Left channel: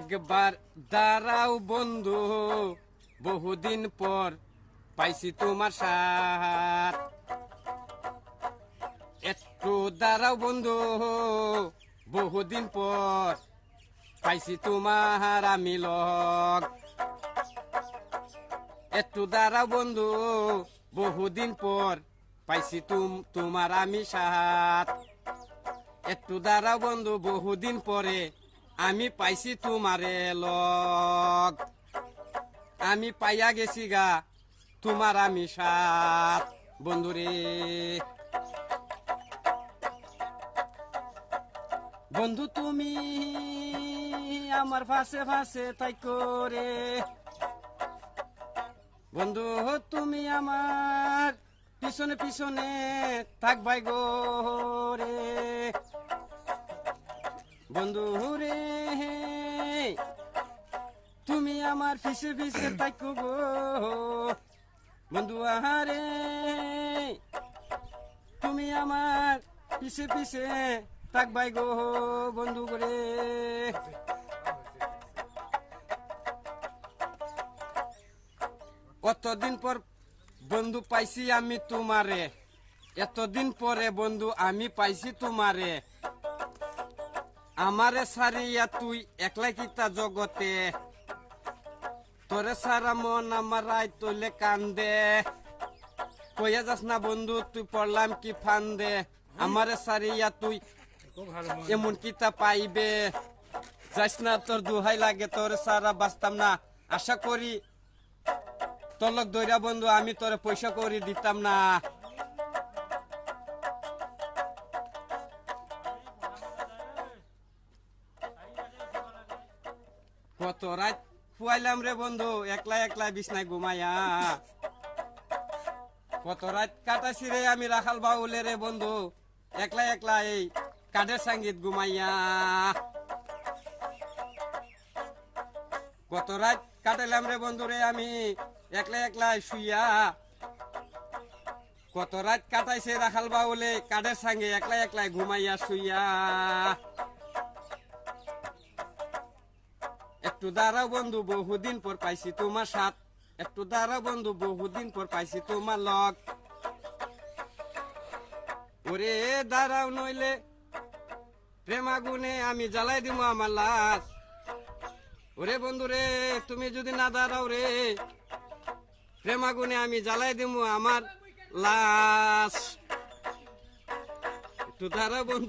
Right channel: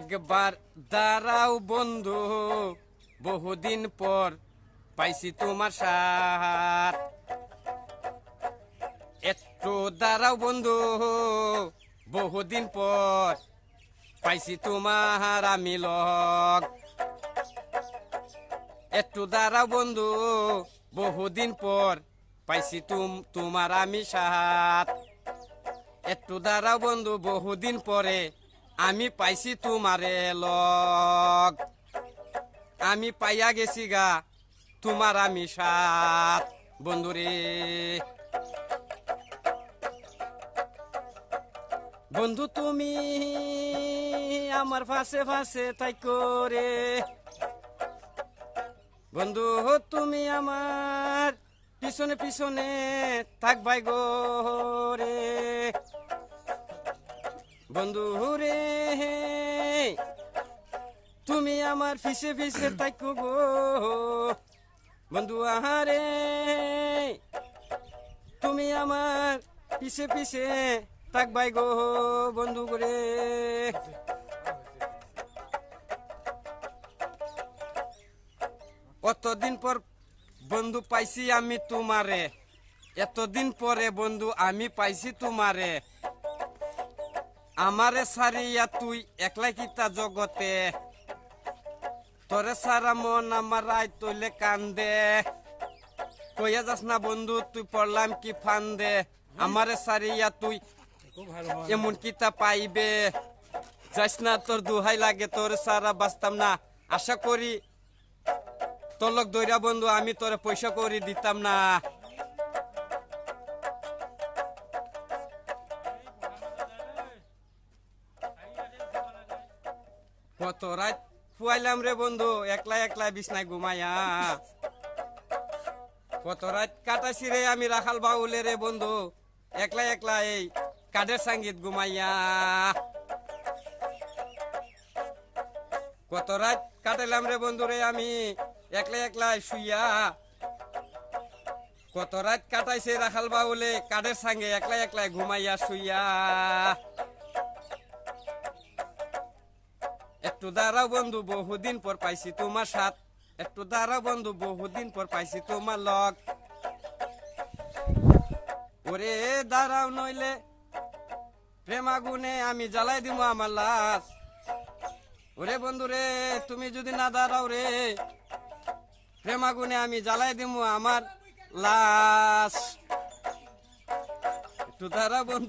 একবার দাঁড়াও বন্ধু, বহুদিন পর পাইছি তোমার সাথ। একটু দাঁড়াও বন্ধু, বহুদিন পর পাইছি তোমার আমি লগ। একটু দাঁড়াও বন্ধু, বহুদিন পর পাইছি তোমার আমি সাথ। একটু দাঁড়াও বন্ধু, বহুদিন পরে আমি পাইছি তোমারে লগ। আমি পাইয়া গেছি গা তোমার আমি সাথ বন্ধুরে। বন্ধু তুমি আমার ফাঁসে ফাঁসে তাই করে, বন্ধু তুমি আমার পিছনে পিছনে থাকবাই গো রে। বন্ধু রে তুমি আমার পিছে পিছে থাকো গো বন্ধু আহারে। তুমি আমার পিছে পিছে থাকবাই গো বন্ধু করে। কতদিন পর বন্ধু পাইছি আমি তোমারে, এতদিন পরে বন্ধু আমি পাইছি তোমারে। আমারে সারিয়া তুই একলা কিতা জগতে, তোরে সারা মন আমার রায় তৈলে কান্দে। কইয়া যাস না বন্ধু তুই পড়লাম কি ফান্দে, আমারে সারিয়া তুই এমন কিতা পাইবে। যাস না তোর দুহাই লাগে, তোর সারা বাঁচতাম না। আশা করি তলক দইরা বন্ধু আমি তোরে পয়সা করি দিতাম না। কত রাত ফুয়াইলাম রে বন্ধু একলা একলা বিছনায় ঘুমাইয়া। কত রাত কাটাছি রে আমি রাখাল বাউলে রে বন্ধু একলা একলা এই কাঠের সঙ্গীত ঘুমাইয়া। কত রাত কাটাইলাম রে বন্ধু রে আমি একলা একলা শুইয়া। কত রাত কাটাইছে রাখাল বাউলে কাঠের সঙ্গে একলা একলা ঘুমাইয়া শুইয়া। একটু দাঁড়াও বন্ধু বহুদিন পর পাইছি তোমার সাথ। একটু দাঁড়াও বন্ধু বহুদিন পর পাইছি তোমার লগ। ওরে দাঁড়াও নইলে প্রেম আগুনে আমি জ্বালাই দিব আমার লাশ। ওরে বন্ধু রে তুমি যদি না দাঁড়াও রে, প্রেম আগুনে আমি জ্বালাই দিব আমার লাশ। একটু দাঁড়াও বন্ধু।